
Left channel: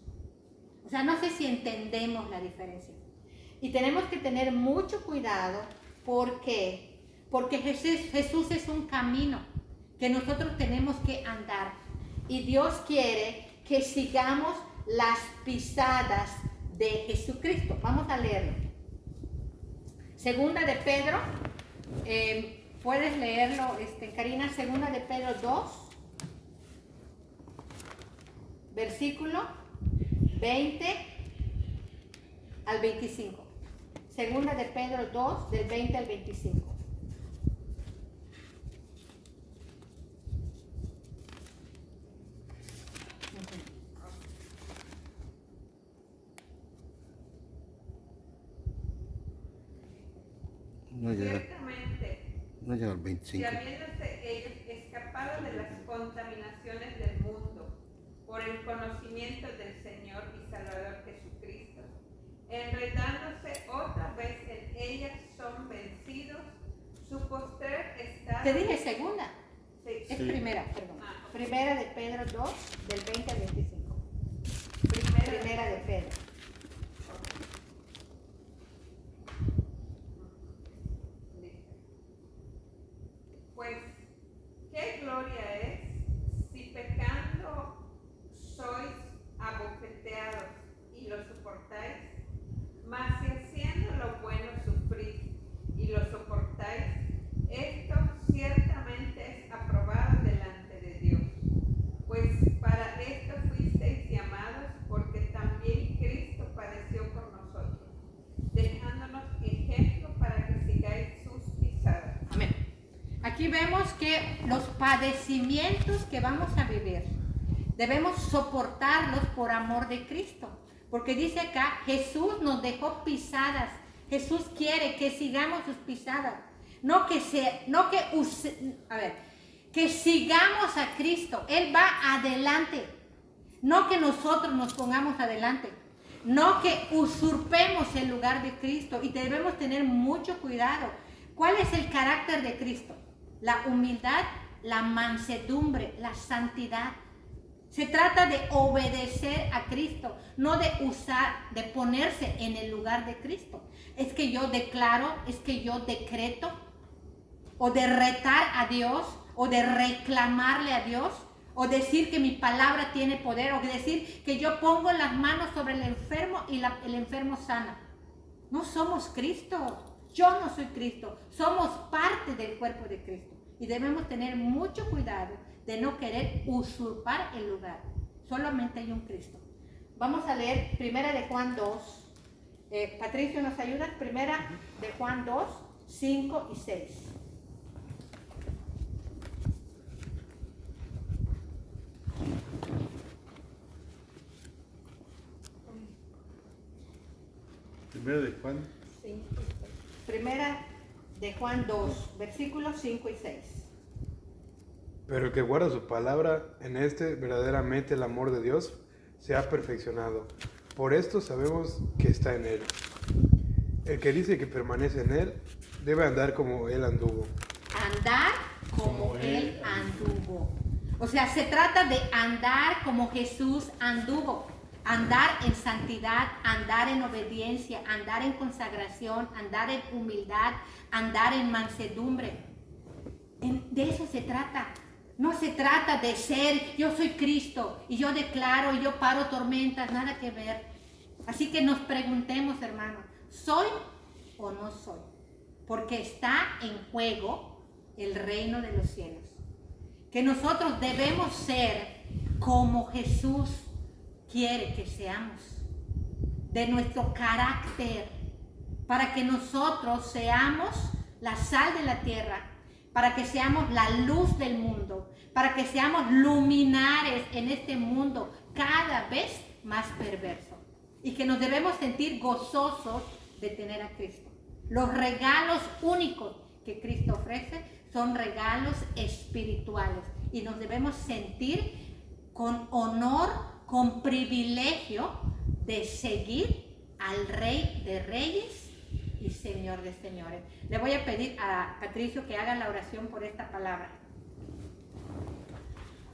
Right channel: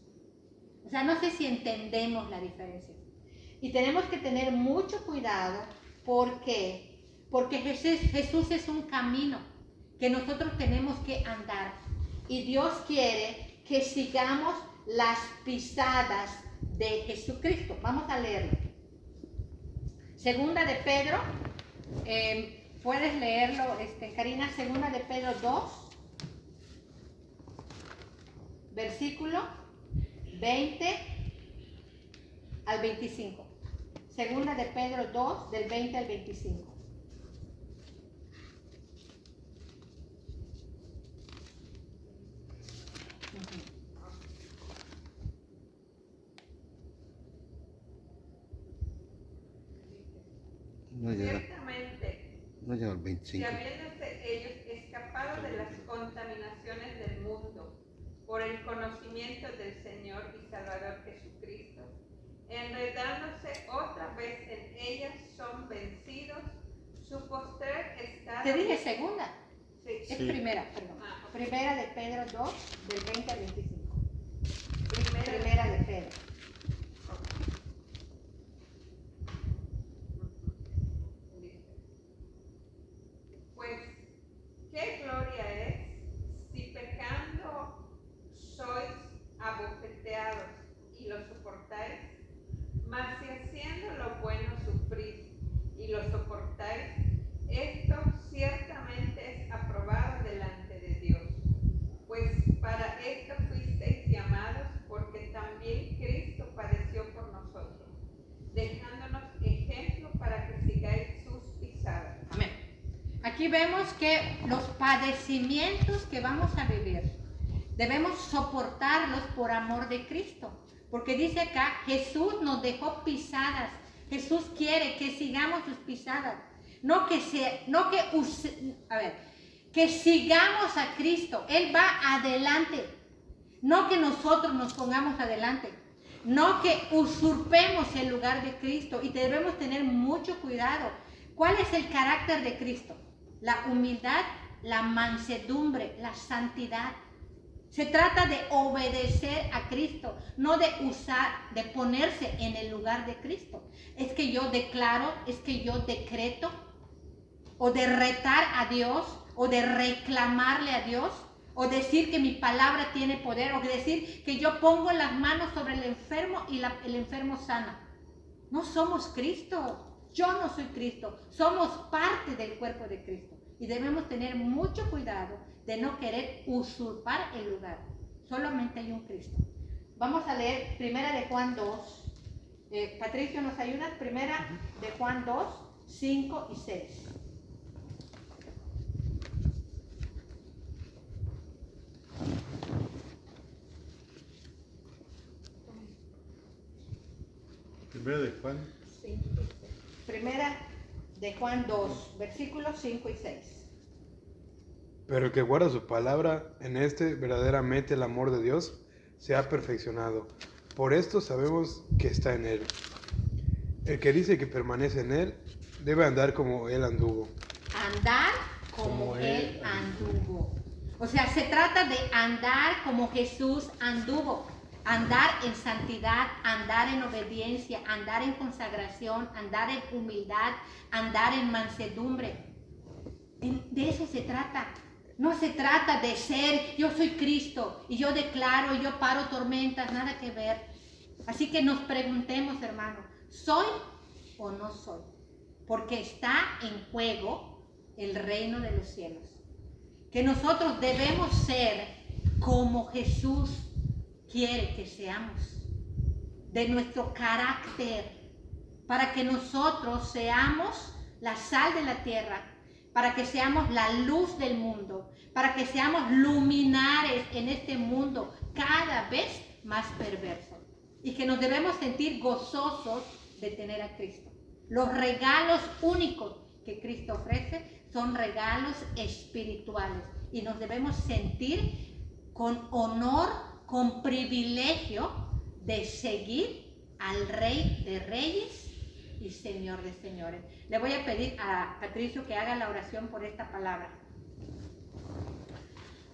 O sea, no sé si entendemos la diferencia. Y tenemos que tener mucho cuidado porque Jesús es un camino que nosotros tenemos que andar. Y Dios quiere que sigamos las pisadas de Jesucristo. Vamos a leerlo. Segunda de Pedro, puedes leerlo, Karina, segunda de Pedro 2, versículo 20 al 25. Segunda de Pedro 2, del 20 al 25. No llega al Si 25. habiéndose ellos escapado de las contaminaciones del mundo por el conocimiento del Señor y Salvador Jesucristo, enredándose otra vez en ellas, son vencidos, su postrer estado... Te dije segunda. Sí. Es primera, perdón. Primera de Pedro 2, del 20 al 25. Primera primera de Pedro. Pues, ¿qué gloria es si pecando sois abofeteados y lo soportáis? Mas si haciendo lo bueno sufrís y lo soportáis, esto ciertamente es aprobado delante de Dios. Pues para esto fuisteis llamados, porque también Cristo padeció por nosotros, dejándonos ejemplo para que sigáis sus pisadas. Amén. Aquí vemos que los padecimientos que vamos a vivir debemos soportarlos por amor de Cristo, porque dice acá, Jesús nos dejó pisadas. Jesús quiere que sigamos sus pisadas, que sigamos a Cristo. Él va adelante, no que nosotros nos pongamos adelante, no que usurpemos el lugar de Cristo, y debemos tener mucho cuidado. ¿Cuál es el carácter de Cristo? La humildad, la mansedumbre, la santidad. Se trata de obedecer a Cristo, no de ponerse en el lugar de Cristo. Es que yo declaro, es que yo decreto, o de retar a Dios, o de reclamarle a Dios, o decir que mi palabra tiene poder, o decir que yo pongo las manos sobre el enfermo y el enfermo sana. No somos Cristo. Yo no soy Cristo. Somos parte del cuerpo de Cristo. Y debemos tener mucho cuidado de no querer usurpar el lugar. Solamente hay un Cristo. Vamos a leer Primera de Juan 2. Patricio, ¿nos ayudas? Primera de Juan 2, 5 y 6. Primero de Juan. Primera de Juan 2, versículos 5 y 6. Pero el que guarda su palabra, en este verdaderamente el amor de Dios se ha perfeccionado. Por esto sabemos que está en Él. El que dice que permanece en Él, debe andar como Él anduvo. Andar como Él anduvo. O sea, se trata de andar como Jesús anduvo. Andar en santidad, andar en obediencia, andar en consagración, andar en humildad, andar en mansedumbre. De eso se trata. No se trata de ser, yo soy Cristo y yo declaro y yo paro tormentas, nada que ver. Así que nos preguntemos, hermanos, ¿soy o no soy? Porque está en juego el reino de los cielos. Que nosotros debemos ser como Jesús quiere que seamos, de nuestro carácter, para que nosotros seamos la sal de la tierra, para que seamos la luz del mundo, para que seamos luminares en este mundo cada vez más perverso, y que nos debemos sentir gozosos de tener a Cristo. Los regalos únicos que Cristo ofrece son regalos espirituales, y nos debemos sentir con honor, con privilegio de seguir al Rey de Reyes y Señor de Señores. Le voy a pedir a Patricio que haga la oración por esta palabra.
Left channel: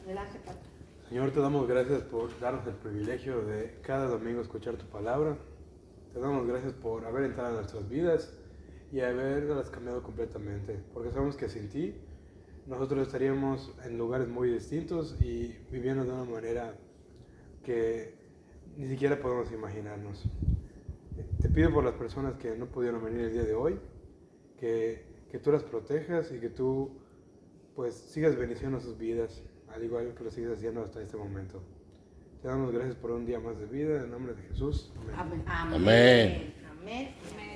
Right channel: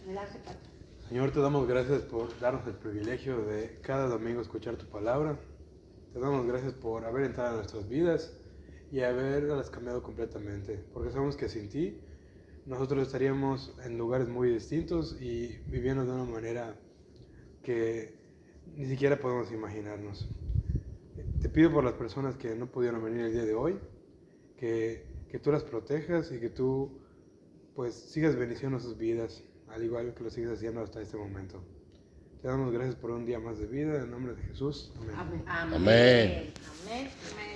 Adelante, Patricio. Señor, te damos gracias por darnos el privilegio de cada domingo escuchar tu palabra. Te damos gracias por haber entrado en nuestras vidas y haberlas cambiado completamente, porque sabemos que sin ti nosotros estaríamos en lugares muy distintos y viviendo de una manera que ni siquiera podemos imaginarnos. Te pido por las personas que no pudieron venir el día de hoy, que tú las protejas y que tú pues sigas bendiciendo sus vidas, al igual que lo sigues haciendo hasta este momento. Te damos gracias por un día más de vida, en nombre de Jesús. Amén. Amén. Amén. Amén.